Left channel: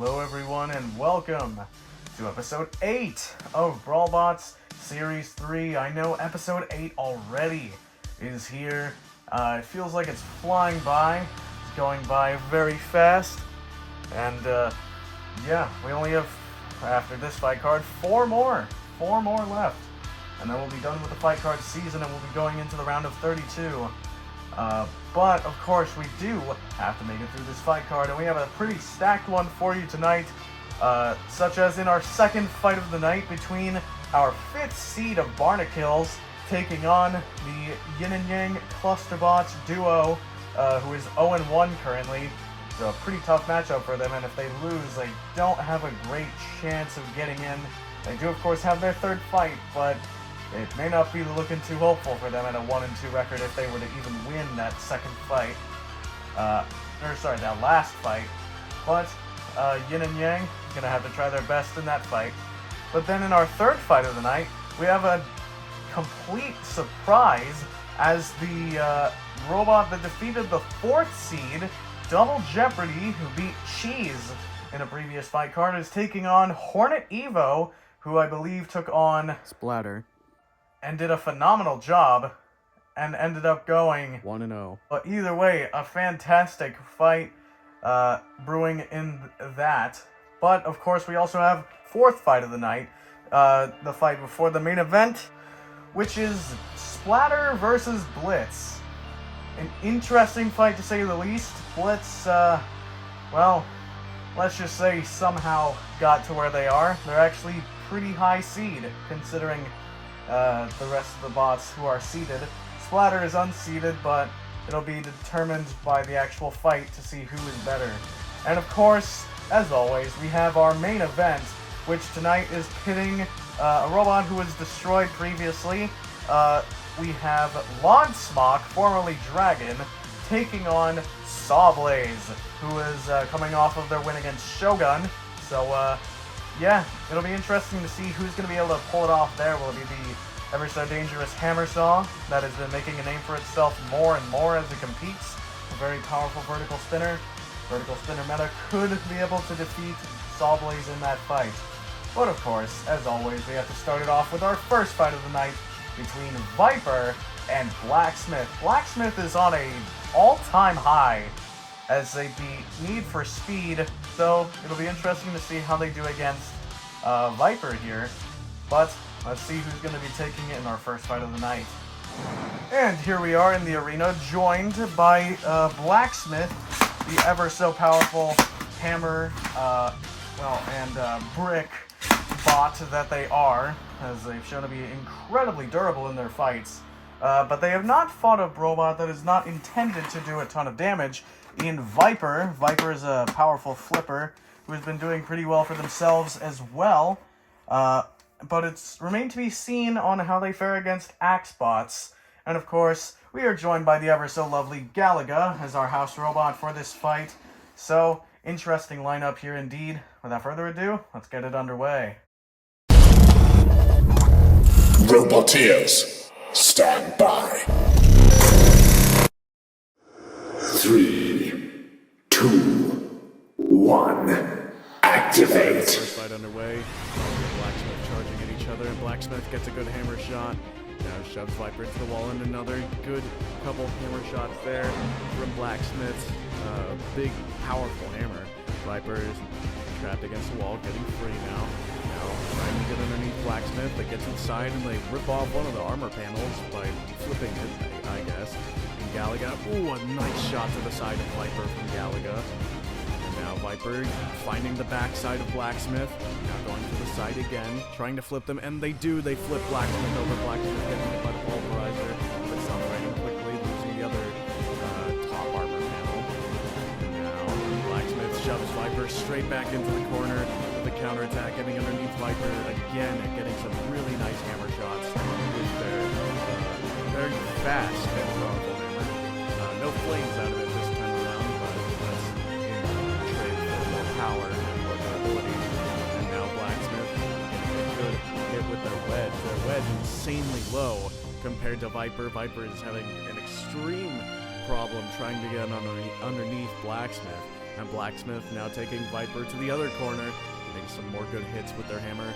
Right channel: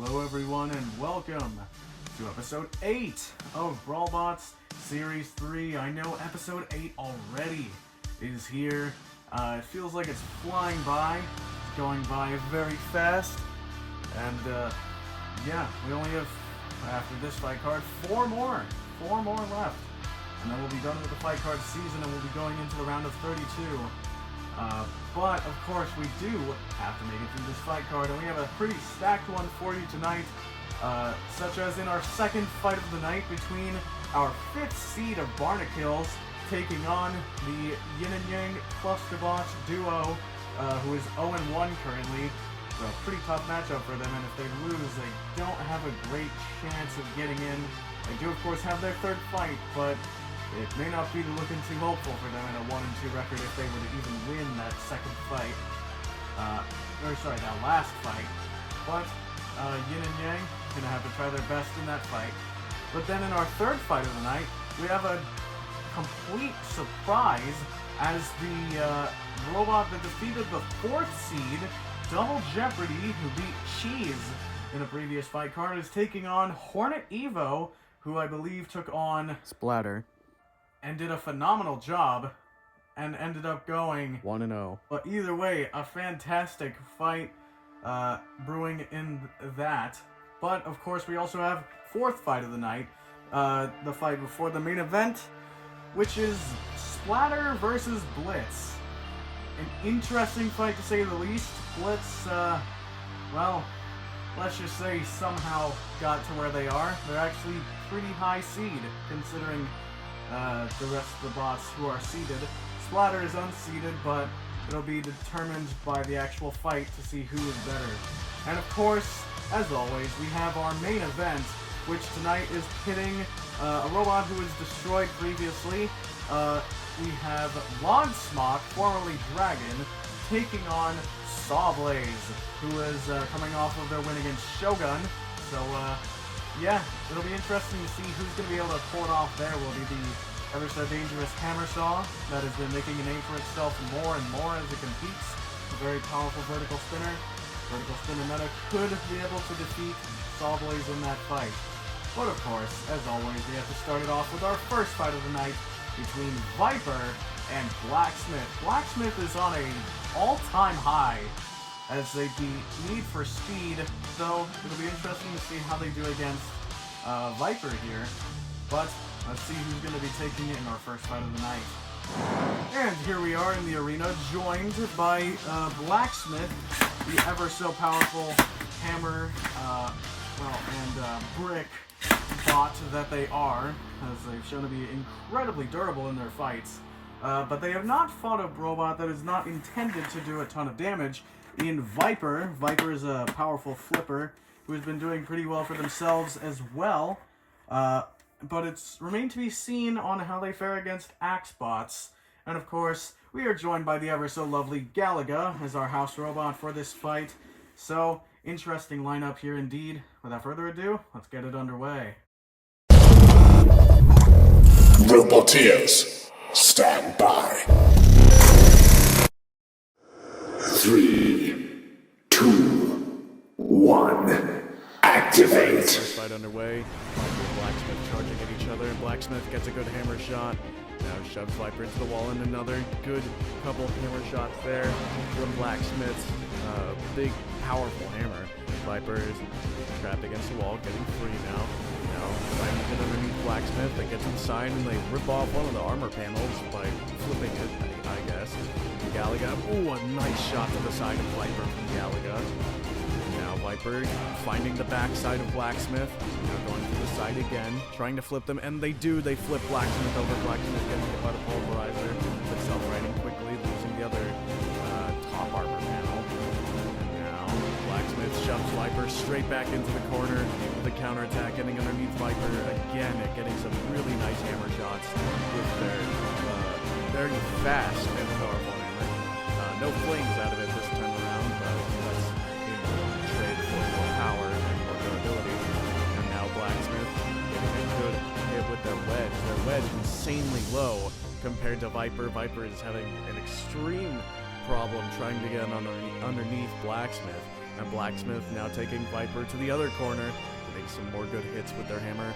Hello everyone and welcome to episode 8 of Brawlbots Series 3. I know episode 8 already is here. It feels like it's flying by. It's going by very fast. And yeah, we only have, after this fight card, 4 more left. And then we'll be done with the fight card season and we'll be going into the round of 32. But of course we do have to make it through this fight card, and we have a pretty stacked one for you tonight, such as in our second fight of the night between our 5th seed of Barnacles taking on the Yin and Yang Clusterbots duo, who is 0-1 currently. It's a pretty tough matchup for them, and if they lose, they don't have a great chance of getting in. They do of course have their 3rd fight, but it may not be looking too hopeful for them at a 1-2 record if they were to even win that second fight. That last fight. But Yin and Yang gonna have to try their best in that fight. But then in our 3rd fight of the night, we have a complete surprise as the robot that defeated the 4th seed, Double Jeopardy, who beat Cheese in a previous fight card, is taking on Hornet Evo, who I believe took on Splatter and did a phenomenal job, and ended up going 1-0. But either way, a fantastic fight brewing in that. But of course, we also have 4th fight of the night, the fight before the main event, which is Splatter versus Blitz. An interesting fight to say the least. Blitz, well, let's just say somehow got to where they are. They're actually pretty high seed, considering the rest of the bots who are seeded. Splatter is unseeded, but it'll be determined by the actual fight to see who is better. And of course, as always, we have our main event, which tonight is pitting a robot who was destroyed previously. We have Lodsmock, formerly Dragon, taking on Sawblaze, who is coming off of their win against Shogun. So, yeah, it'll be interesting to see who's going to be able to pull it off there. Will it be the ever so dangerous Hammer Saw that has been making a name for itself more and more as it competes? A very powerful vertical spinner. Vertical spinner meta could be able to defeat Sawblaze in that fight. But of course, as always, we have to start it off with our first fight of the night between Viper and Blacksmith. Blacksmith is on a all-time high as they beat Need for Speed, so it'll be interesting to see how they do against Viper here. But let's see who's going to be taking it in our first fight of the night. And here we are in the arena, joined by Blacksmith, the ever so powerful hammer, and brick bot that they are, as they've shown to be incredibly durable in their fights. But they have not fought a robot that is not intended to do a ton of damage in Viper. Viper is a powerful flipper who has been doing pretty well for themselves as well. But it's remained to be seen on how they fare against Axe bots. And of course, we are joined by the ever so lovely Galaga as our house robot for this fight. So, interesting lineup here indeed. Without further ado, let's get it underway. Roboteers, stand by. 3, 2, 1, activate. First fight underway. Viper and Blacksmith charging at each other, and Blacksmith gets a good hammer shot. Now shoves Viper into the wall, and another good couple hammer shots there from Blacksmith's big, powerful hammer. Viper is trapped against the wall, getting free now. Now trying to get underneath Blacksmith. They get to the side and they rip off one of the armor panels by flipping it, I guess. And Galaga, ooh, a nice shot to the side of Viper from Galaga. And now Viper finding the backside of Blacksmith. Now going to the side again, trying to flip them, and they do. They flip Blacksmith over. Blacksmith getting hit by the pulverizer, but self-righting quickly, losing the other top armor panel. Blacksmith shoves Viper straight back into the corner with a counterattack, getting underneath Viper again and getting some really nice hammer shots with their very fast and powerful hammer. No flames out of it this time around, but that's in trade for more power and more durability. And now Blacksmith getting a good hit with their wedge. Their wedge insanely low compared to Viper. Viper is having an extreme problem trying to get underneath Blacksmith. And Blacksmith now taking Viper to the other corner, getting some more good hits with their hammer.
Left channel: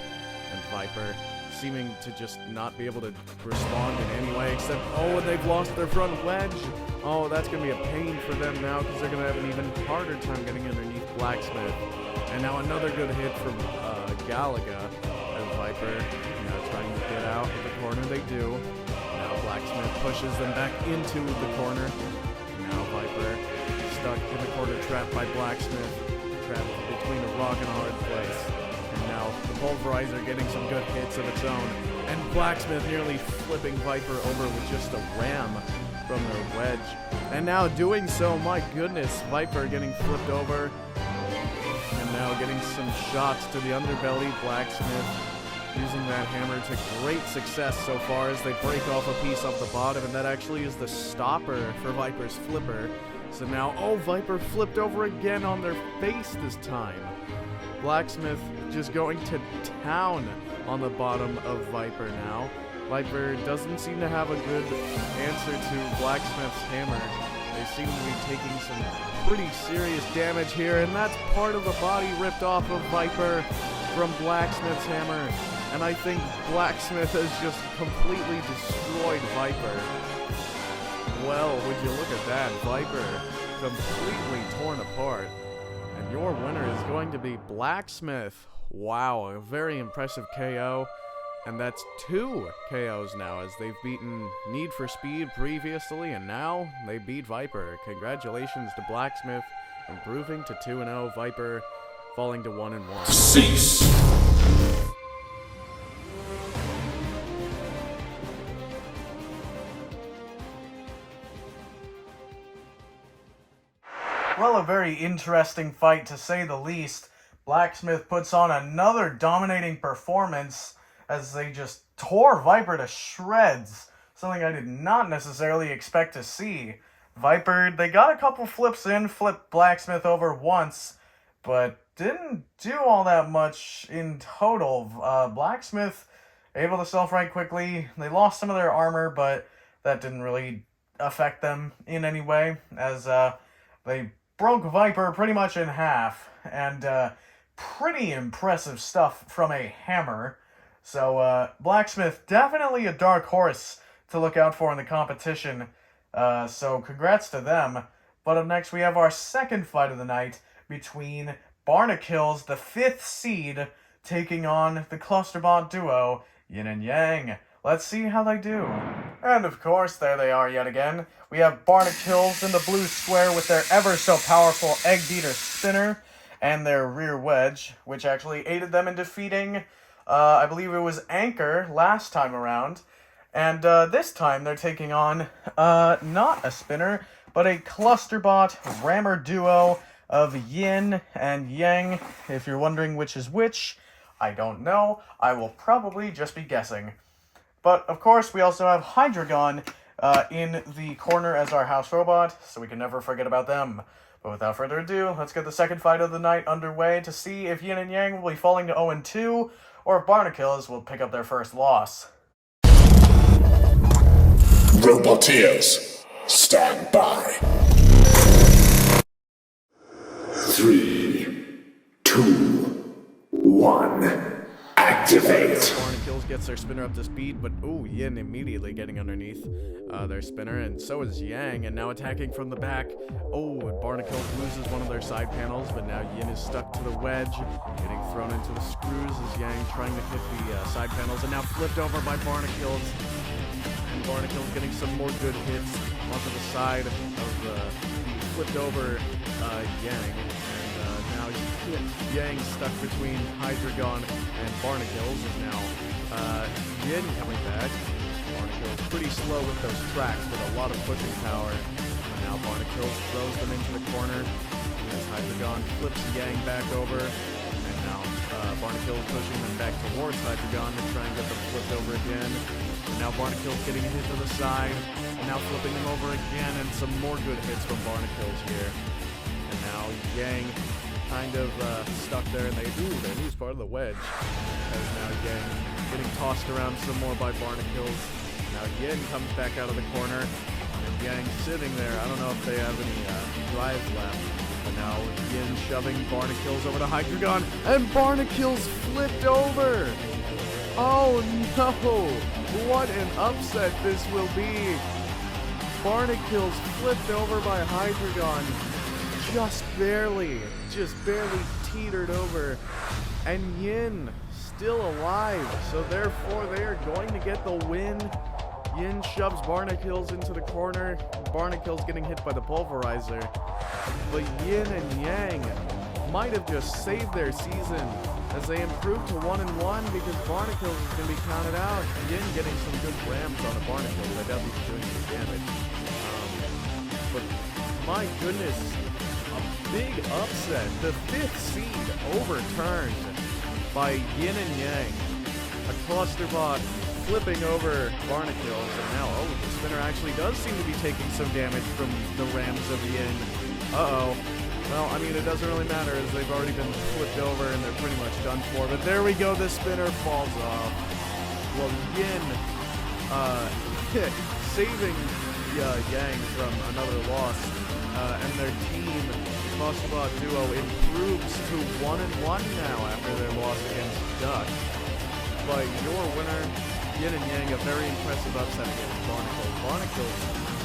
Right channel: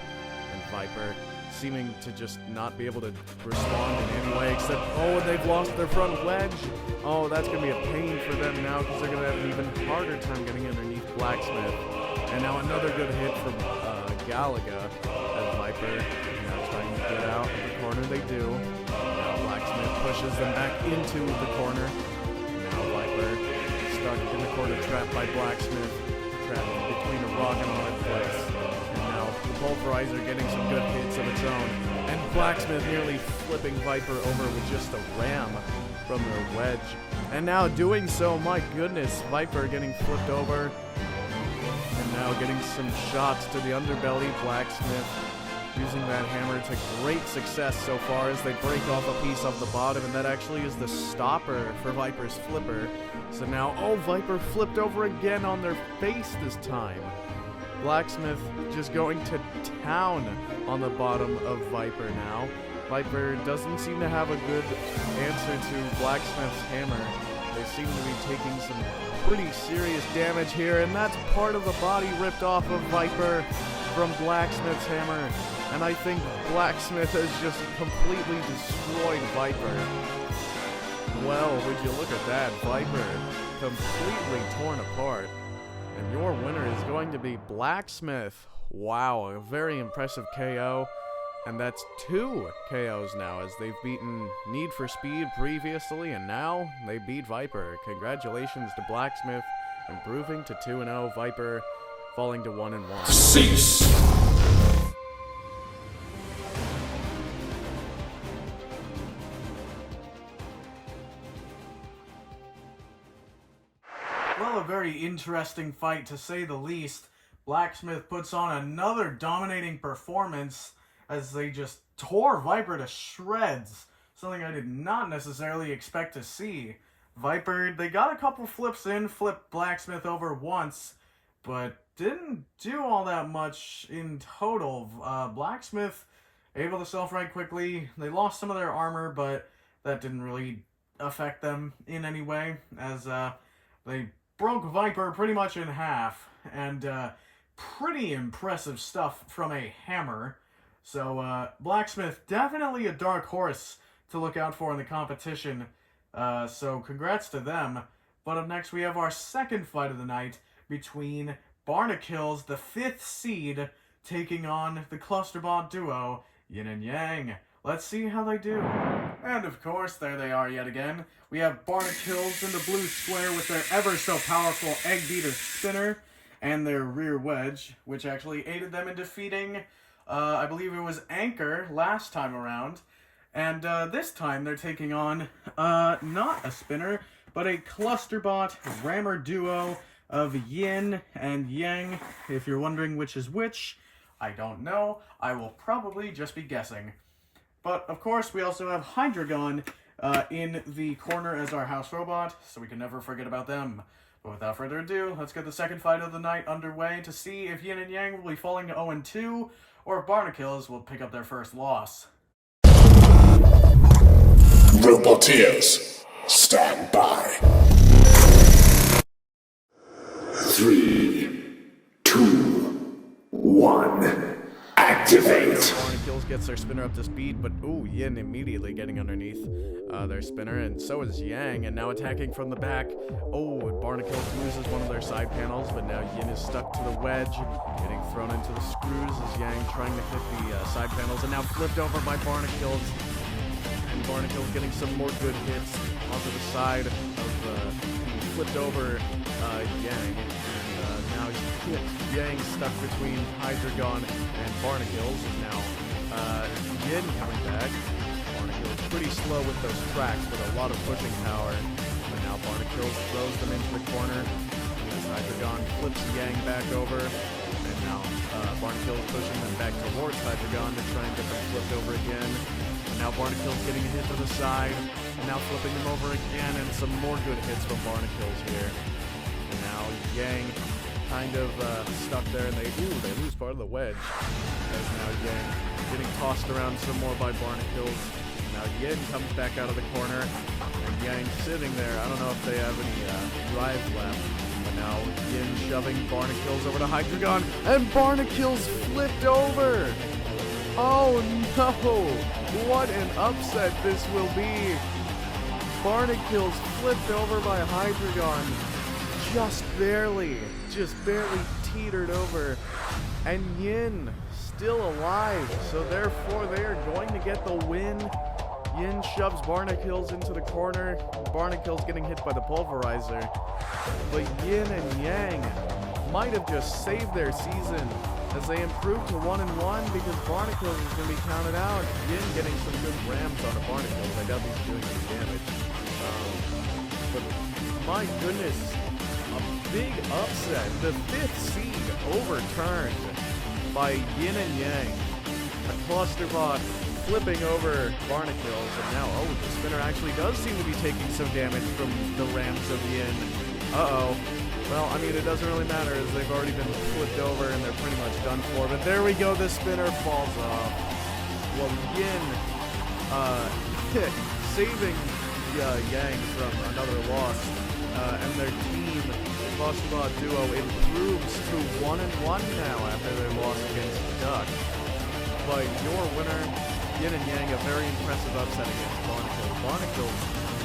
And Viper seeming to just not be able to respond in any way except, oh, and they've lost their front wedge. Oh, that's going to be a pain for them now because they're going to have an even harder time getting underneath Blacksmith. And now another good hit from Galaga as Viper now trying to get out of the corner. They do. Now Blacksmith pushes them back into the corner. Now Viper stuck in the corner, trapped by Blacksmith, trapped between a rock and a hard place. And now the Pulverizer getting some good hits of its own. And Blacksmith nearly flipping Viper over with just a ram from their wedge. And now doing so, my goodness, Viper getting flipped over. And now getting some shots to the underbelly. Blacksmith using that hammer to great success so far as they break off a piece off the bottom. And that actually is the stopper for Viper's flipper. So now, oh, Viper flipped over again on their face this time. Blacksmith just going to town on the bottom of Viper now. Viper doesn't seem to have a good answer to Blacksmith's hammer. They seem to be taking some pretty serious damage here, and that's part of the body ripped off of Viper from Blacksmith's hammer. And I think Blacksmith has just completely destroyed Viper. Well, would you look at that? Viper completely torn apart. And your winner is going to be Blacksmith. Wow, a very impressive KO. And that's 2 KOs now, as they've beaten Need for Speed previously, and now they beat Viper. Congratulations to Blacksmith, improving to 2-0. Viper falling to 1-1. Cease. Well, a very interesting fight to say the least. Blacksmith puts on another dominating performance as they just tore Viper to shreds. Something I did not necessarily expect to see. Viper, they got a couple flips in, flipped Blacksmith over once, but didn't do all that much in total. Blacksmith able to self-right quickly. They lost some of their armor, but that didn't really affect them in any way, as they broke Viper pretty much in half, and pretty impressive stuff from a hammer. So Blacksmith, definitely a dark horse to look out for in the competition, so congrats to them. But up next we have our second fight of the night between Barnacles, the 5th seed, taking on the Clusterbot duo, Yin and Yang. Let's see how they do. And of course, there they are yet again. We have Barnacles in the blue square with their ever so powerful Egg Beater spinner and their rear wedge, which actually aided them in defeating, I believe it was Anchor last time around. And this time they're taking on not a spinner, but a Clusterbot rammer duo of Yin and Yang. If you're wondering which is which, I don't know. I will probably just be guessing. But, of course, we also have Hydreigon in the corner as our house robot, so we can never forget about them. But without further ado, let's get the second fight of the night underway to see if Yin and Yang will be falling to 0-2, or if Barnacles will pick up their first loss. Roboteers, stand by. 3, 2, 1. Activate. Barnacles gets their spinner up to speed, but ooh, Yin immediately getting underneath their spinner, and so is Yang, and now attacking from the back. Oh, and Barnacles loses one of their side panels, but now Yin is stuck to the wedge, getting thrown into the screws as Yang trying to hit the side panels, and now flipped over by Barnacles. And Barnacles getting some more good hits onto the side of the flipped over Yang. Now Yang stuck between Hydreigon and Barnacles, and now Yin coming back. Barnacles pretty slow with those tracks, with a lot of pushing power. But now Barnacles throws them into the corner as Hydreigon flips Yang back over. And now Barnacles pushing them back towards Hydreigon to try and get them flipped over again. And now Barnacles getting a hit to the side, and now flipping them over again, and some more good hits from Barnacles here. And now Yang kind of stuck there, and they lose part of the wedge, as now Yang getting tossed around some more by Barnacles. Now Yin comes back out of the corner, and Yang sitting there. I don't know if they have any drives left, but But now Yin shoving Barnacles over to Hydreigon, and Barnacles flipped over! Oh no! What an upset this will be! Barnacles flipped over by Hydreigon, just barely teetered over, and Yin still alive, so therefore they are going to get the win. Yin shoves Barnacles into the corner, Barnacles getting hit by the Pulverizer, but Yin and Yang might have just saved their season as they improved to 1-1 because Barnacles is going to be counted out. Yin getting some good rams on a Barnacles. I doubt he's doing any damage. But my goodness, a big upset. The 5th seed overturned by Yin and Yang. A Clusterbot flipping over Barnacles, and now, oh, the spinner actually does seem to be taking some damage from the rams of Yin. Uh-oh. Well, I mean, it doesn't really matter as they've already been flipped over and they're pretty much done for. But there we go, the spinner falls off. Well, Yin, saving Yang from another loss, and their team, the Clusterbot duo, improves to 1-1 now after their loss against Duck. But your winner, Yin and Yang, a very impressive upset against Barnacles. Barnacles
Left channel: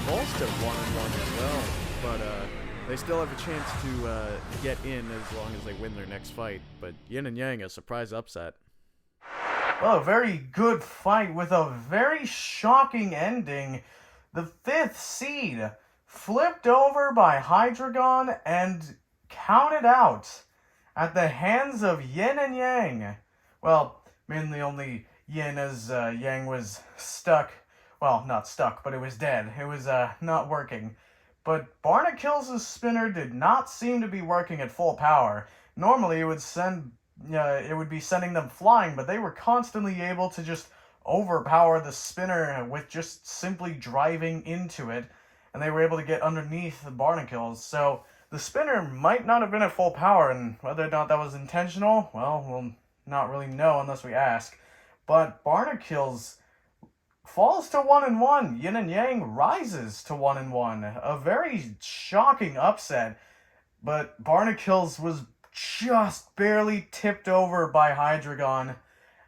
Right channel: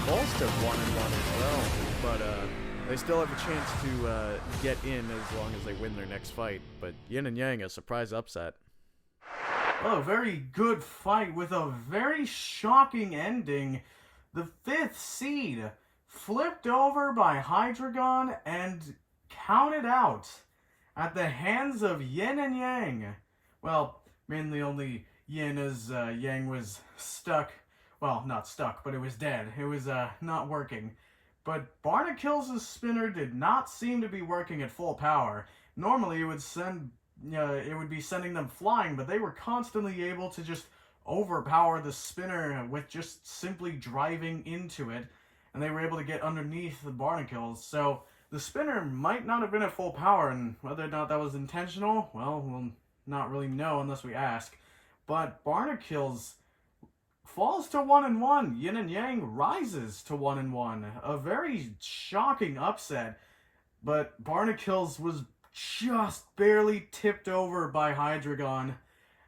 falls to 1-1 as well, but they still have a chance to get in as long as they win their next fight. But Yin and Yang, a surprise upset. Well, a very good fight with a very shocking ending. The 5th seed flipped over by Hydreigon and counted out at the hands of Yin and Yang. Well, mainly only Yin, as Yang was stuck. Well, not stuck, but it was dead. It was not working. But Barnacles' spinner did not seem to be working at full power. Normally, it would be sending them flying, but they were constantly able to just overpower the spinner with just simply driving into it, and they were able to get underneath the Barnacles. So the spinner might not have been at full power, and whether or not that was intentional, well, we'll not really know unless we ask. But Barnacles falls to 1-1. Yin and Yang rises to 1-1. A very shocking upset, but Barnacles was just barely tipped over by Hydreigon,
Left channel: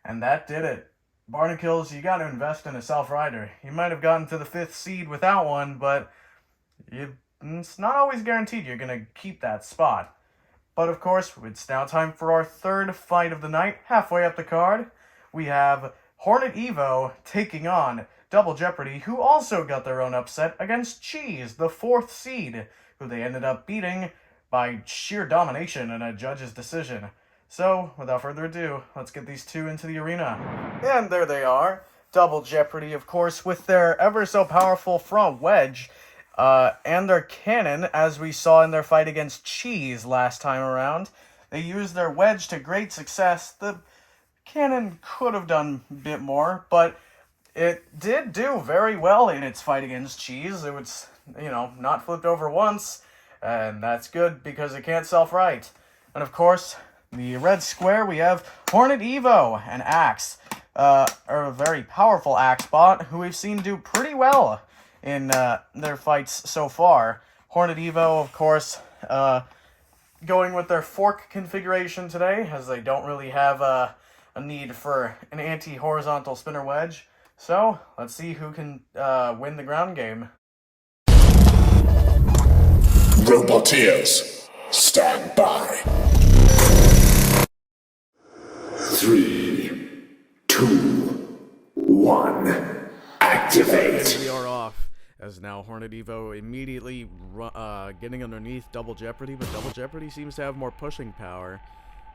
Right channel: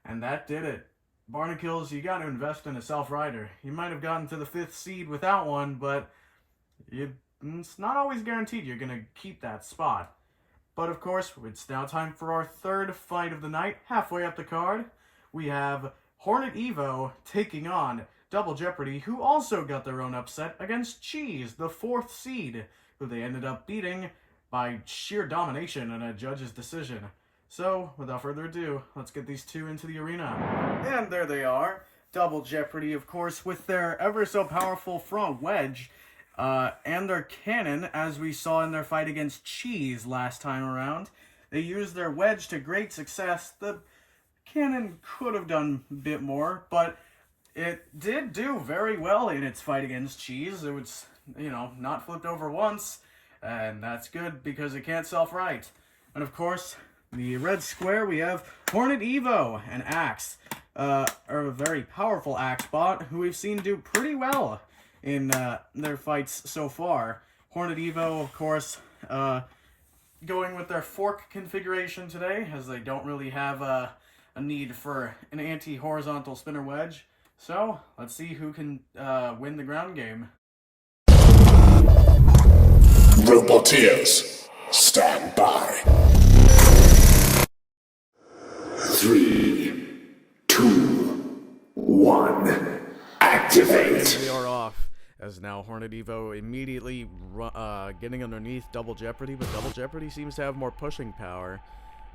and that did it. Barnacles, you gotta invest in a self-rider. You might have gotten to the 5th seed without one, but it's not always guaranteed you're gonna keep that spot. But of course, it's now time for our 3rd fight of the night. Halfway up the card, we have Hornet Evo taking on Double Jeopardy, who also got their own upset against Cheese, the 4th seed, who they ended up beating by sheer domination in a judge's decision. So, without further ado, let's get these two into the arena. And there they are. Double Jeopardy, of course, with their ever so powerful front wedge, and their cannon, as we saw in their fight against Cheese last time around. They used their wedge to great success. The cannon could have done a bit more, but it did do very well in its fight against Cheese. It was, not flipped over once, and that's good because it can't self-right. And of course, the red square, we have Hornet Evo, an axe, a very powerful axe bot who we've seen do pretty well in their fights so far. Hornet Evo, of course, going with their fork configuration today, as they don't really have a need for an anti-horizontal spinner wedge. So, let's see who can win the ground game. Roboteers, stand by. 3, 2, 1, activate. And we are off, as now Hornet Evo immediately getting underneath Double Jeopardy, but Double Jeopardy seems to have more pushing power.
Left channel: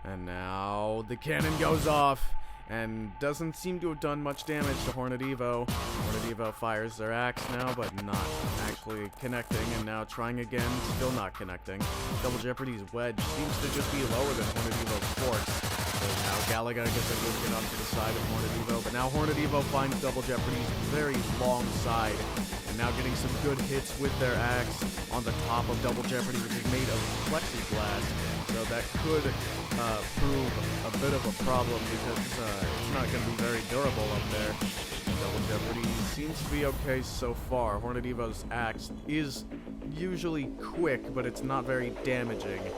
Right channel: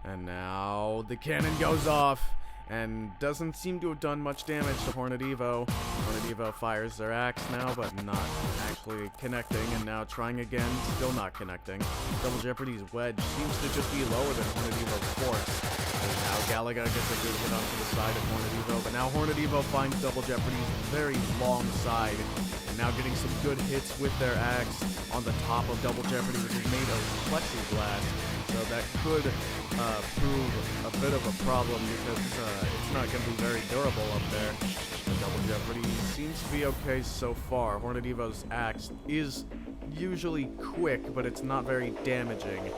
And now the cannon goes off, and doesn't seem to have done much damage to Hornet Evo. Hornet Evo fires their axe now, but not actually connecting, and now trying again, still not connecting. Double Jeopardy's wedge seems to just be lower than Hornet Evo's forks. And now Galaga gets a good hit onto the side of Hornet Evo, but now Hornet Evo finds Double Jeopardy's very long side, and now getting some good hits with their axe on the top of Double Jeopardy, which is made of plexiglass. So that could prove a bit of a problem because it's not going to be very durable up there. But Double Jeopardy seems to be okay so far. Hornet Evo's axe is usually quick, but it's not very damaging.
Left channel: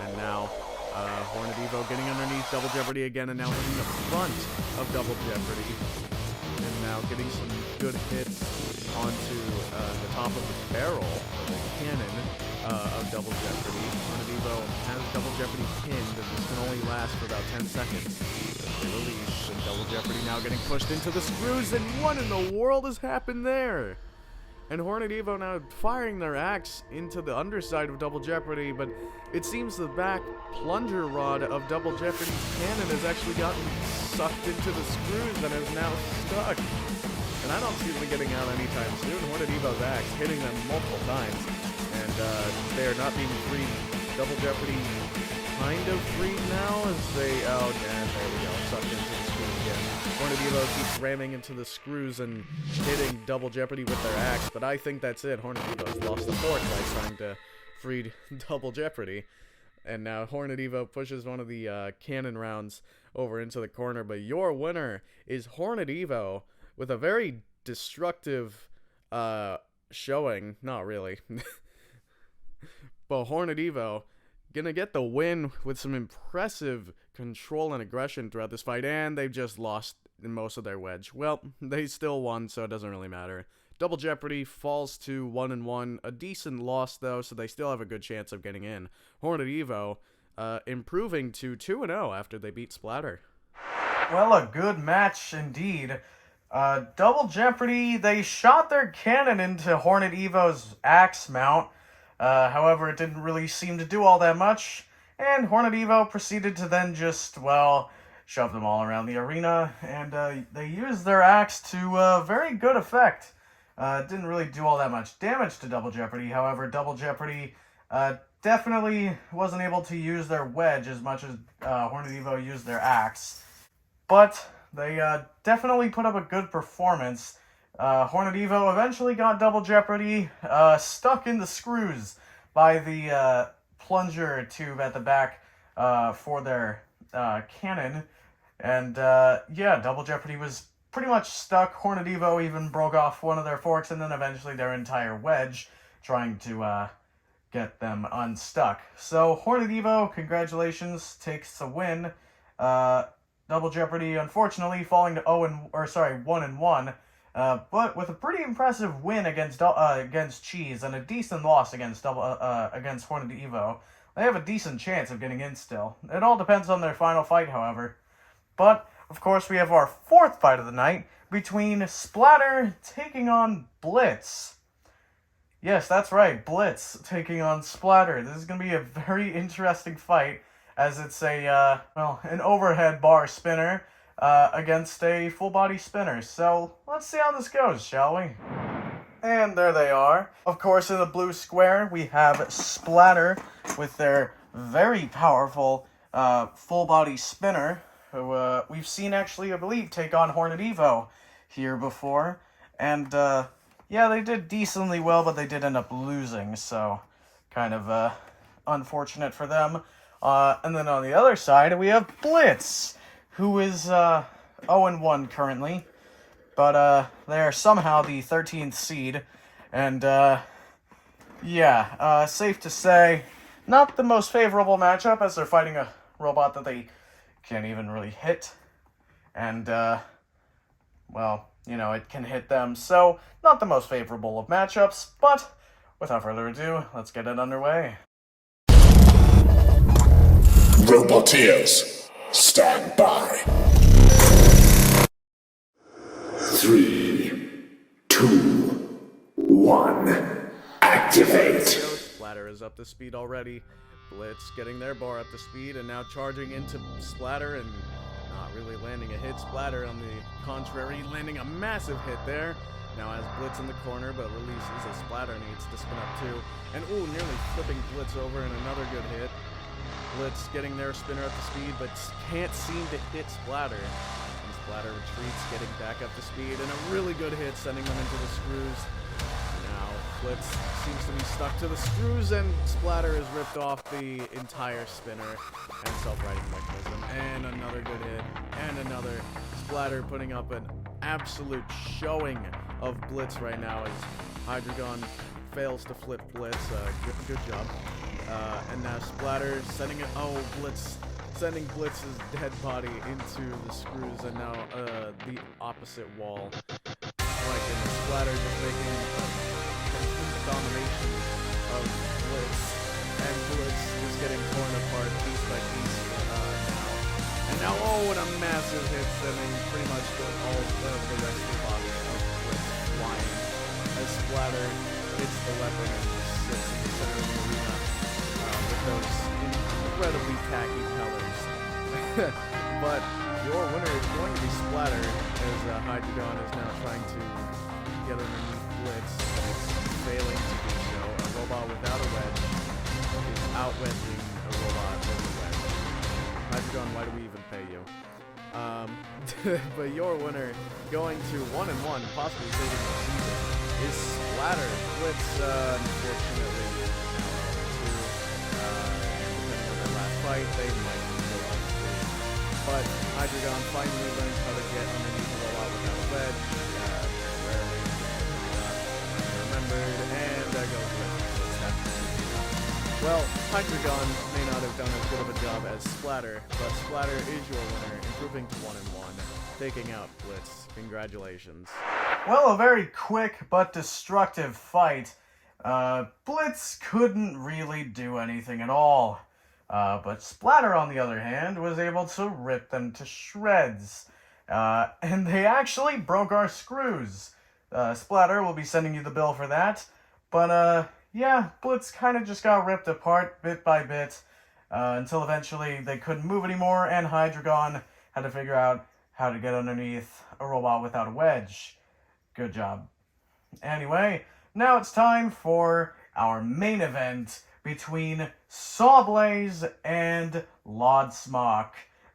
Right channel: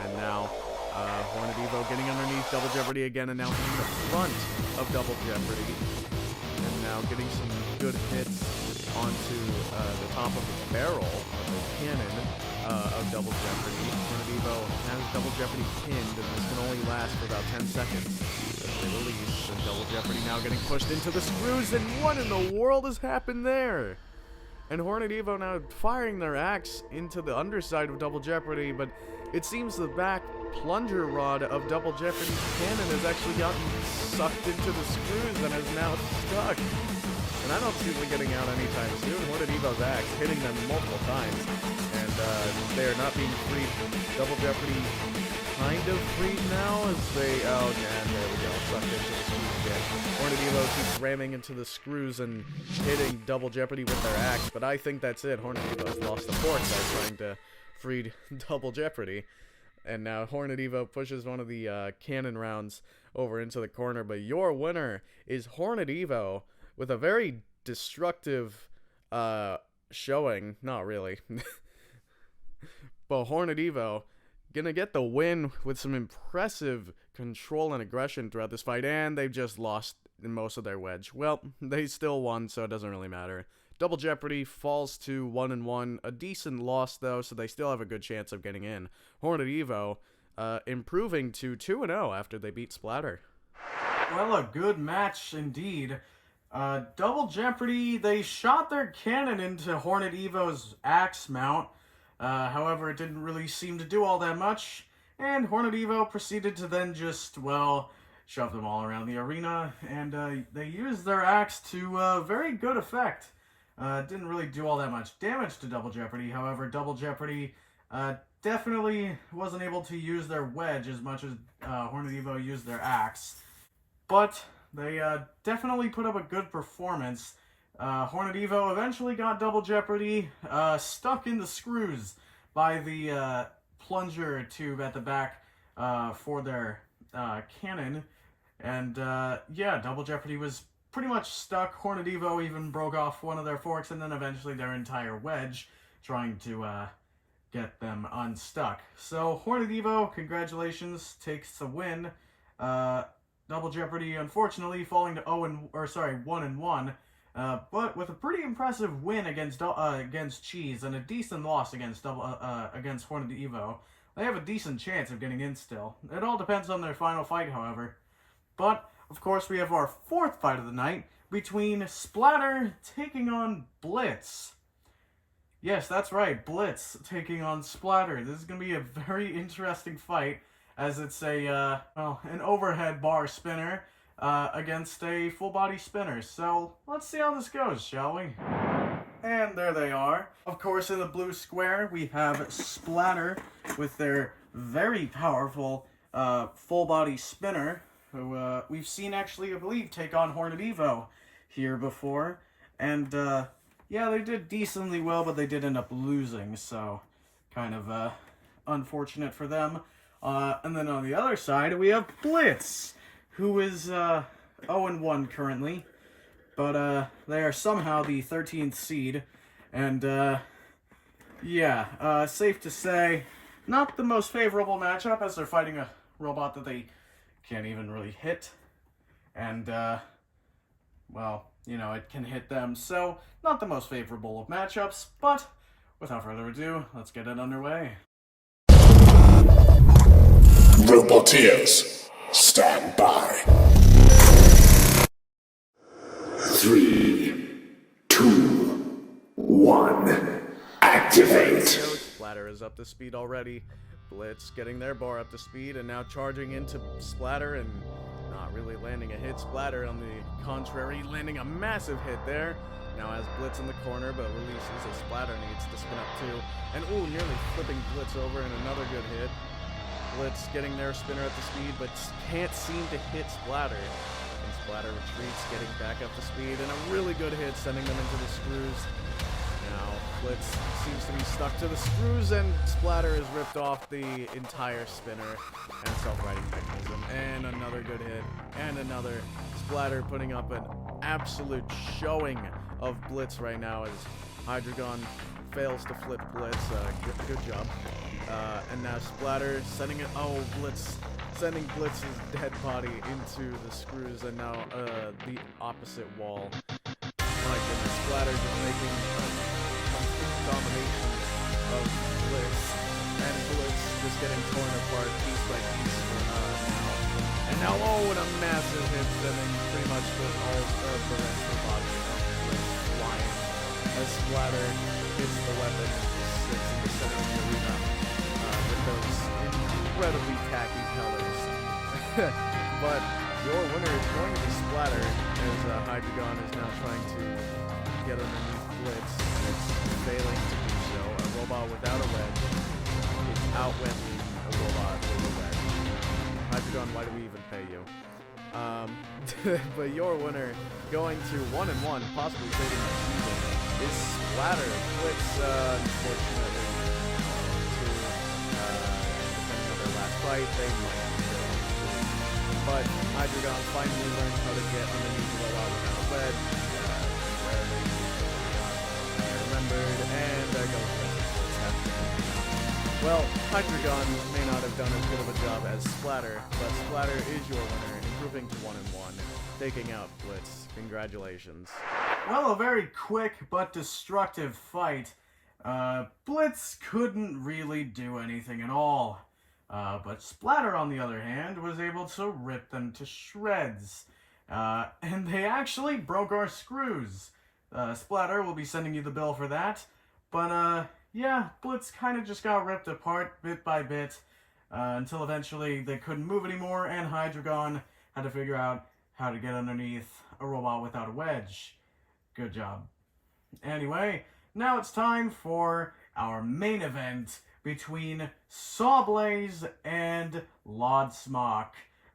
And now, Hornet Evo getting underneath Double Jeopardy again, and now hitting the front of Double Jeopardy. And now getting some good hits onto the top of the barrel of the cannon of Double Jeopardy. Hornet Evo has Double Jeopardy pinned, and this can only last for about 10 seconds as they release. And Double Jeopardy now getting pushed into the screws, and what in the world has happened there? And Hornet Evo now firing their axe into the underside of Double Jeopardy, but it seems the back plunger rod of Double Jeopardy's cannon has actually gotten sucked into the screws and is now stuck. And I don't see them getting out anytime soon. Hornet Evo's axe hitting them multiple times, and they are not being freed. Double Jeopardy kind of freed now as they, oh, and there we go, sucked into the screws again. Hornet Evo keeps ramming into the screws and hitting Double Jeopardy with their axe, but I think that's it. Hornet Evo's lost the fort by trying to free Double Jeopardy. And now Hornet Evo pushes one of the cannon rounds over into the corner, but your winner is Hornet Evo with a very destructive showing. Not really. But Hornet Evo gonna get the win with some impressive control and aggression throughout this fight, and they've just lost in most of their wedge. Well, they still won, so it doesn't really matter. Double Jeopardy falls to 1-1, a decent loss though, so they still have a good chance of getting in. Hornet Evo improving to 2-0 after they beat Splatter. Well, a good match indeed. Double Jeopardy, they shot their cannon into Hornet Evo's axe mount. However, it didn't really seem to do all that much, and Hornet Evo proceeded to then just, well, shove them all around the arena, and they used their axe to very good effect. Didn't really do all that much damage to Double Jeopardy. However, Double Jeopardy definitely wasn't able to use their wedge as much as Hornet Evo used their axe. But they definitely put up a good performance. Hornet Evo eventually got Double Jeopardy stuck in the screws by the plunger tube at the back for their cannon. And yeah, Double Jeopardy was pretty much stuck. Hornet Evo even broke off one of their forks and then eventually their entire wedge, trying to get them unstuck. So Hornet Evo, congratulations, takes the win. Double Jeopardy, unfortunately, falling to 1-1, but with a pretty impressive win against Cheese and a decent loss against Hornet Evo. They have a decent chance of getting in still. It all depends on their final fight, however. But of course, we have our fourth fight of the night between Splatter taking on Blitz. Yes, that's right, Blitz taking on Splatter. This is going to be a very interesting fight, as it's a, an overhead bar spinner against a full body spinner. So let's see how this goes, shall we? And there they are. Of course, in the blue square, we have Splatter with their very powerful full body spinner, who we've seen actually, I believe, take on Hornet Evo here before. And yeah, they did decently well, but they did end up losing, so kind of unfortunate for them. And then on the other side, we have Blitz, who is 0-1 currently, but they are somehow the 13th seed, and yeah, safe to say, not the most favorable matchup, as they're fighting a robot that they can't even really hit, and well, you know, it can hit them, so not the most favorable of matchups, but without further ado, let's get it underway. Roboteers, stand by. 3, 2, 1, activate. Splatter is up to speed already. Blitz getting their bar up to speed and now charging into Splatter and not really landing a hit. Splatter, on the contrary, landing a massive hit there. Now has Blitz in the corner, but releases as Splatter needs to spin up too. And ooh, nearly flipping Blitz over and another good hit. Blitz getting their spinner up to speed, but can't seem to hit Splatter. And Splatter retreats, getting back up to speed, and a really good hit, sending them into the screws. Now, Blitz seems to be stuck to the screws, and Splatter is ripped off the entire spinner and self-righting mechanism. And another good hit, and another. Splatter putting up an absolute showing of Blitz right now as Hydreigon fails to flip Blitz. Good job. And now Splatter sending sending Blitz's dead body into the screws, and now the opposite wall. My goodness, Splatter just making a complete domination of Blitz, and Blitz just getting torn apart piece by piece for now. And now, what a massive hit, sending pretty much all of the rest of the body of Blitz flying as Splatter hits the weapon and just sits in the center of the arena with those incredibly tacky colors. But your winner is going to be Splatter, as Hydreigon is now trying to get underneath Blitz, and it's failing to do so. A robot without a wedge is out-wedging a robot with a wedge. Hydreigon, why do we even pay you? But your winner, going to 1-1, possibly saving the season, is Splatter. Blitz, unfortunately, is now 0-2, and depending on their last fight, they might be still 0-3. But Hydreigon finally learns how to get underneath the robot without a wedge. Rarely, I remembered, and there goes the rest of Blitz. Well, Hydreigon may not have done as good of a job as Splatter, but Splatter is your winner, improving to 1-1, taking out Blitz. Congratulations. Well, a very quick but destructive fight. Blitz couldn't really do anything at all. But Splatter, on the other hand, was able to rip them to shreds. And they actually broke our screws. Splatter will be sending you the bill for that. But, yeah, Blitz kind of just got ripped apart bit by bit until eventually they couldn't move anymore, and Hydreigon had to figure out how to get underneath a robot without a wedge. Good job. Anyway, now it's time for our main event between Sawblaze and Lodsmock.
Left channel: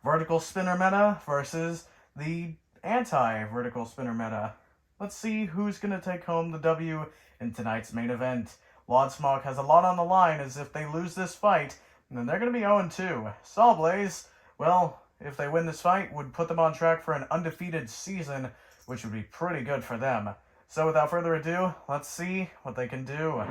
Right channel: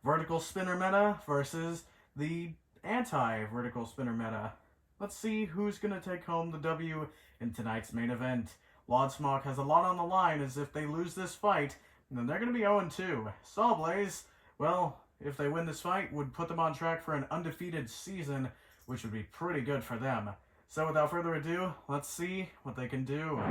Vertical spinner meta versus the anti-vertical spinner meta. Let's see who's going to take home the W in tonight's main event. Lodsmock has a lot on the line, as if they lose this fight, then they're going to be 0-2. Sawblaze, well, if they win this fight, would put them on track for an undefeated season, which would be pretty good for them. So without further ado, let's see what they can do.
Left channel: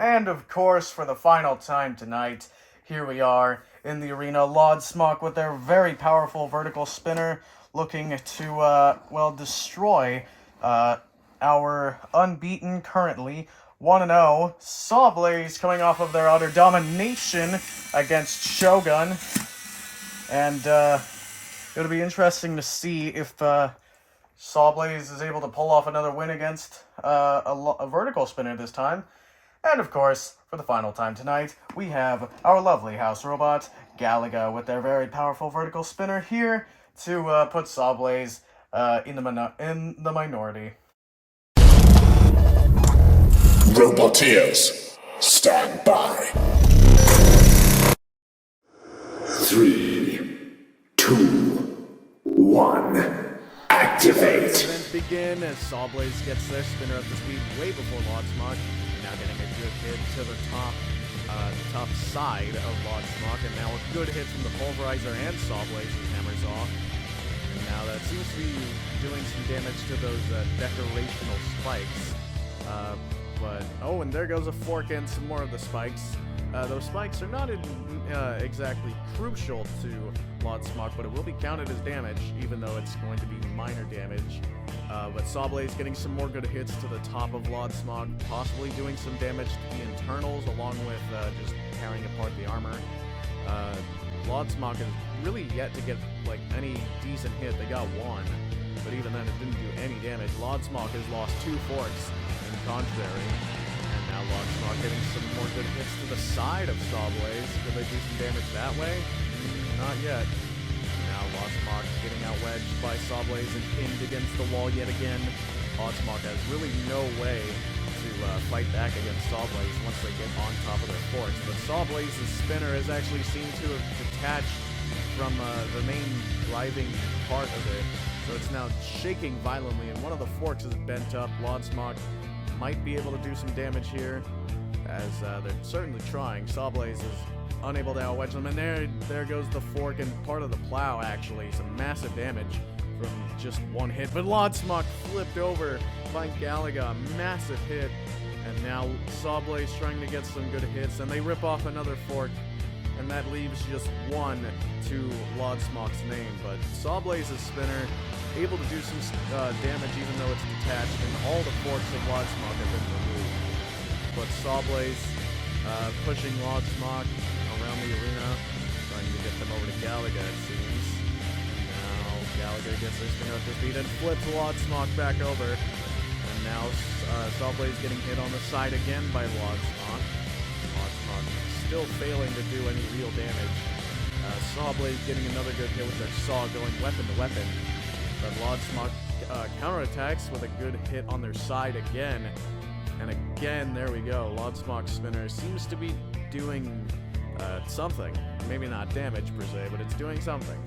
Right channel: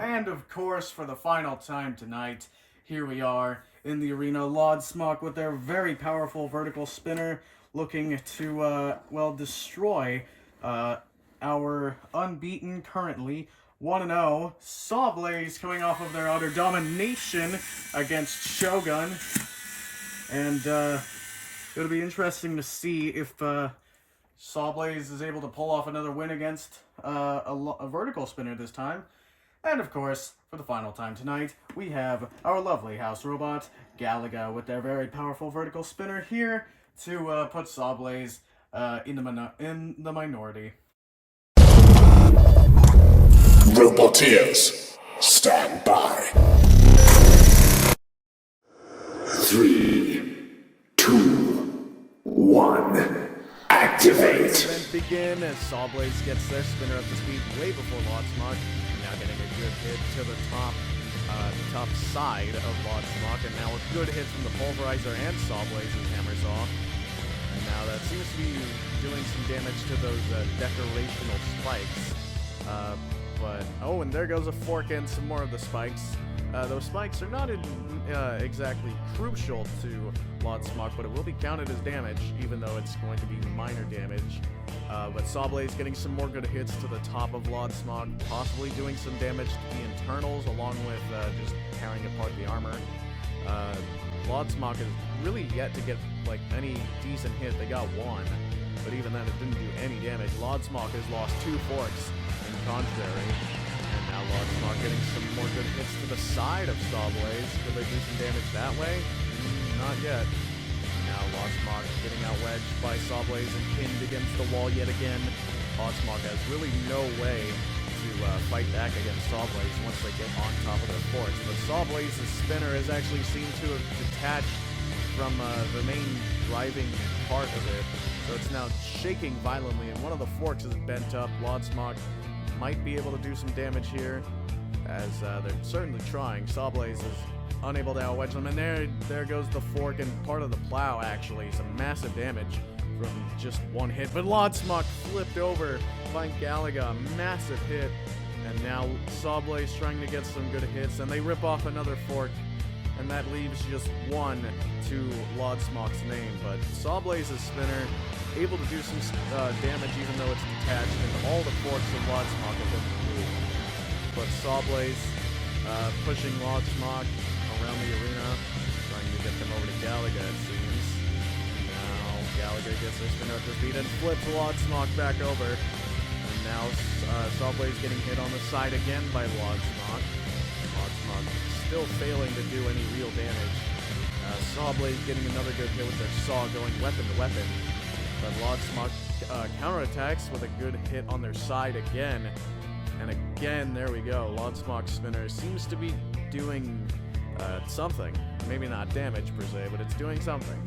And of course, for the final time tonight, here we are in the arena. Lodsmock with their very powerful vertical spinner, looking to, destroy our unbeaten, currently 1-0 Sawblaze, coming off of their utter domination against Shogun. And it'll be interesting to see if Sawblaze is able to pull off another win against a vertical spinner this time. And of course, for the final time tonight, we have our lovely house robot, Galaga, with their very powerful vertical spinner here to put Sawblaze in the minority. Roboteers, stand by. 3, 2, 1, activate. Event begin as Sawblaze gets their spinner up to speed way before Lodsmock, and now getting a good hit to the top side of Lodsmock, and now a good hit from the Pulverizer and Sawblaze's Hammer Saw. And now that seems to be doing some damage to those decorational spikes. And there goes a fork and some more of the spikes. Those spikes are not exactly crucial to Lodsmock, but it will be counted as damage, even though it's going to be minor damage. But Sawblaze getting some more good hits to the top of Lodsmock, possibly doing some damage to the internals, along with just tearing apart the armor. Lodsmock is really yet to get any decent hit. They got one, but even then it didn't do any damage. Lodsmock has lost 2 forks in contrary, and now Lodsmock getting some more good hits to the side of Sawblaze. Could they do some damage that way? Not yet. Now Lodsmock getting out-wedged by Sawblaze and pinned against the wall yet again. Lodsmock has really no way to fight back against Sawblaze once they get on top of their forks. But Sawblaze's spinner has actually seemed to have detached from the main driving part of it. So it's now shaking violently, and one of the forks is bent up. Lodsmock might be able to do some damage here, as they're certainly trying. Sawblaze is unable to out-wedge them, and there goes the fork and part of the plow, actually. Some massive damage from just one hit, but Lodsmock flipped over by Galaga. Massive hit And now Sawblaze trying to get some good hits, and they rip off another fork, and that leaves just one to Lodsmock's name. But Sawblaze's spinner able to do some damage even though it's detached, and all the forks of Lodsmock have been removed. But Sawblaze pushing Lodsmock around the arena, trying to get them over to Galaga, it seems. And now Galaga gets their spinner up to speed and flips Lodsmock back over. And now Sawblaze getting hit on the side again by Lodsmock. Lodsmock still failing to do any real damage. Sawblaze getting another good hit with their saw going weapon to weapon. But Lodsmock counterattacks with a good hit on their side again. And again, there we go. Lodsmock's spinner seems to be doing something. Maybe not damage per se, but it's doing something.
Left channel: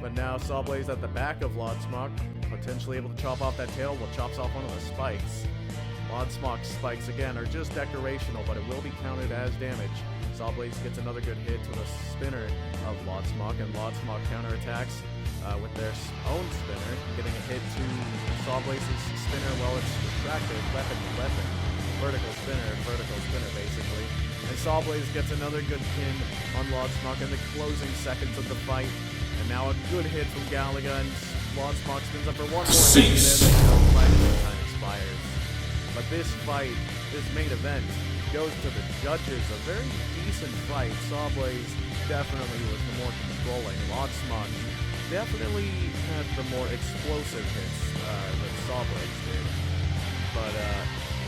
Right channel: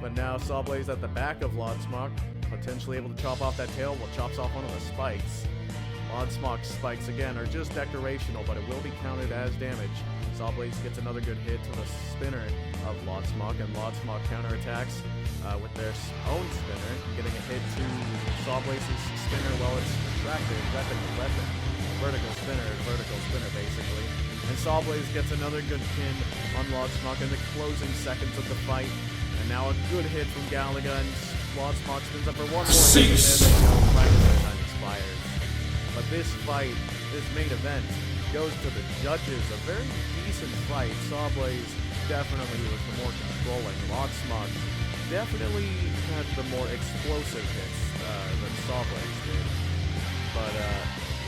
But now Sawblaze at the back of Lodsmock, potentially able to chop off that tail. Well, chops off one of the spikes. Lodsmock's spikes, again, are just decorational, but it will be counted as damage. Sawblaze gets another good hit to the spinner of Lodsmock, and Lodsmock counterattacks with their own spinner, getting a hit to Sawblaze's spinner while it's retracted, weapon to weapon. Vertical spinner, basically. And Sawblaze gets another good pin on Lodsmock in the closing seconds of the fight. And now a good hit from Galaga, and Lodsmock spins up for one more hit, and there they go, right as the time expires. But this fight, this main event, goes to the judges. A very decent fight. Sawblaze definitely was the more controlling. Lodsmock definitely had the more explosive hits than Sawblaze did. But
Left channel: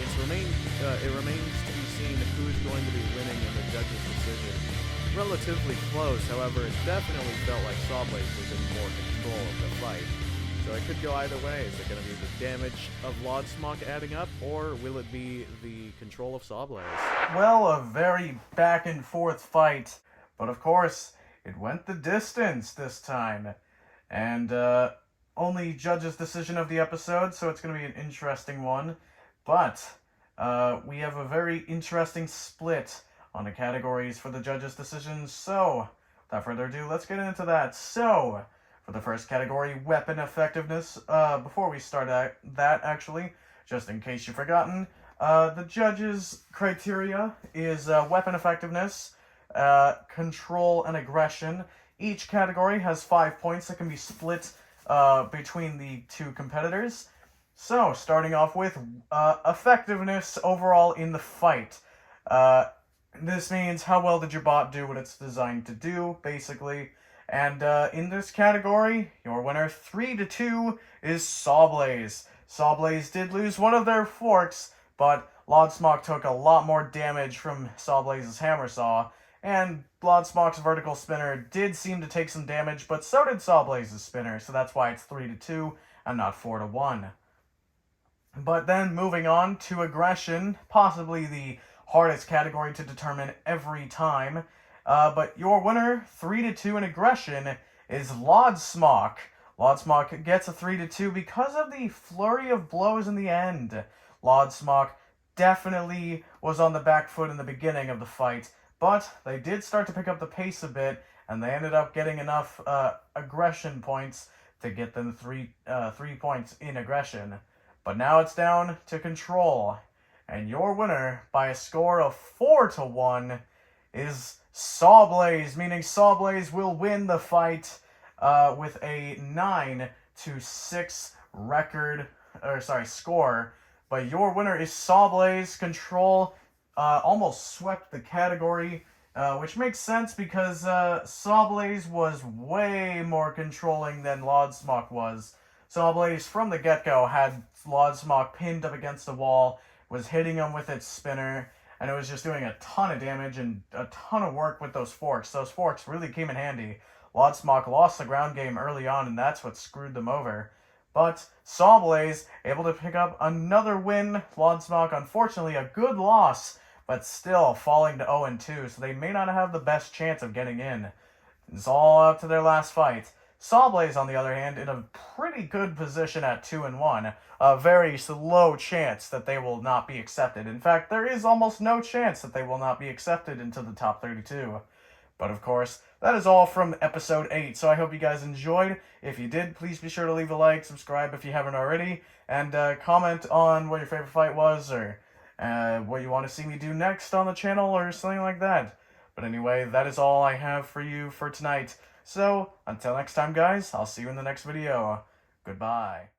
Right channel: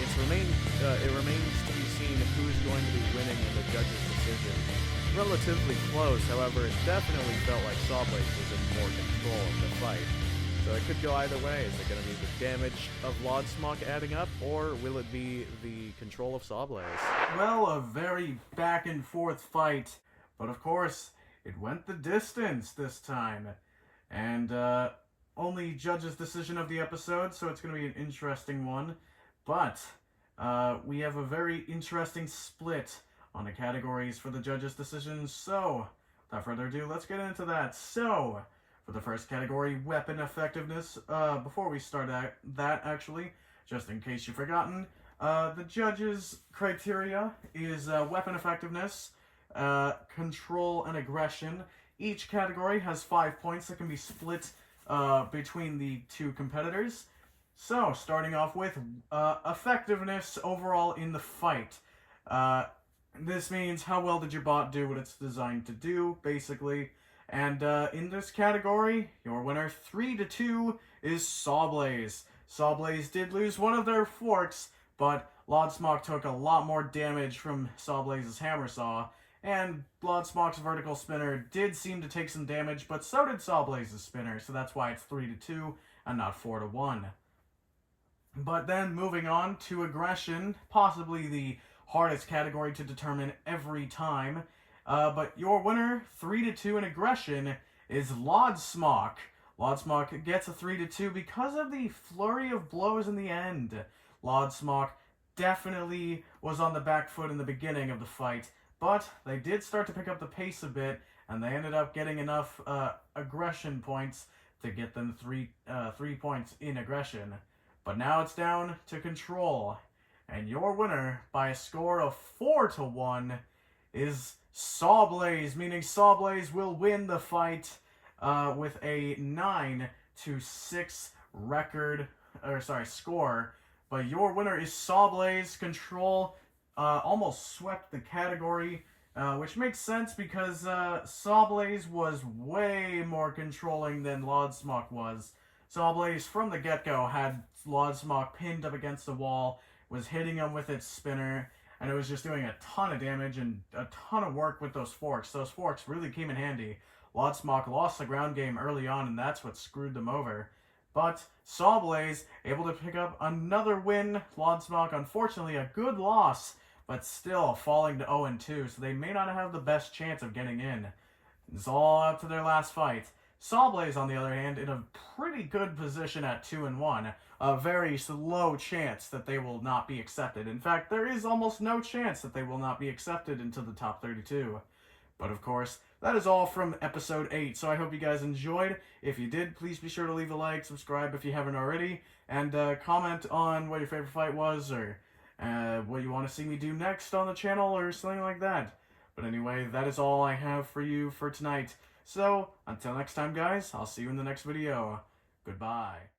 it remains to be seen who's going to be winning in the judges' decision. Relatively close, however, it definitely felt like Sawblaze was in more control of the fight. So it could go either way. Is it going to be the damage of Lodsmock adding up, or will it be the control of Sawblaze? Well, a very back and forth fight, but of course, it went the distance this time. And only judge's decision of the episode, so it's going to be an interesting one. But we have a very interesting split on the categories for the judges' decisions. So, without further ado, let's get into that. So, for the first category, weapon effectiveness, before we start that actually, just in case you've forgotten, the judges' criteria is weapon effectiveness, control, and aggression. Each category has 5 points that can be split between the two competitors. So, starting off with effectiveness overall in the fight. This means how well did your bot do what it's designed to do, basically. And in this category, your winner 3-2 is Sawblaze. Sawblaze did lose one of their forks, but Lodsmock took a lot more damage from Sawblaze's hammer saw. And Lodsmock's vertical spinner did seem to take some damage, but so did Sawblaze's spinner, so that's why it's 3-2 and not 4-1. But then moving on to aggression, possibly the hardest category to determine every time. But your winner, 3-2 in aggression, is Lodsmock. Lodsmock gets a 3-2 because of the flurry of blows in the end. Lodsmock definitely was on the back foot in the beginning of the fight, but they did start to pick up the pace a bit, and they ended up getting enough aggression points to get them 3 points in aggression. But now it's down to control, and your winner by a score of 4-1 is Sawblaze, meaning Sawblaze will win the fight with a 9-6 score. But your winner is Sawblaze. Control almost swept the category, which makes sense because Sawblaze was way more controlling than Lodsmock was. Sawblaze from the get-go had Lodsmock pinned up against the wall, was hitting him with its spinner, and it was just doing a ton of damage and a ton of work with those forks. Those forks really came in handy. Lodsmock lost the ground game early on, and that's what screwed them over. But Sawblaze able to pick up another win. Lodsmock, unfortunately, a good loss, but still falling to 0-2, so they may not have the best chance of getting in. It's all up to their last fight. Sawblaze, on the other hand, in a pretty good position at 2-1. A very low chance that they will not be accepted. In fact, there is almost no chance that they will not be accepted into the top 32. But of course, that is all from episode 8, so I hope you guys enjoyed. If you did, please be sure to leave a like, subscribe if you haven't already, and comment on what your favorite fight was, or what you want to see me do next on the channel or something like that. But anyway, that is all I have for you for tonight. So, until next time guys, I'll see you in the next video. Goodbye.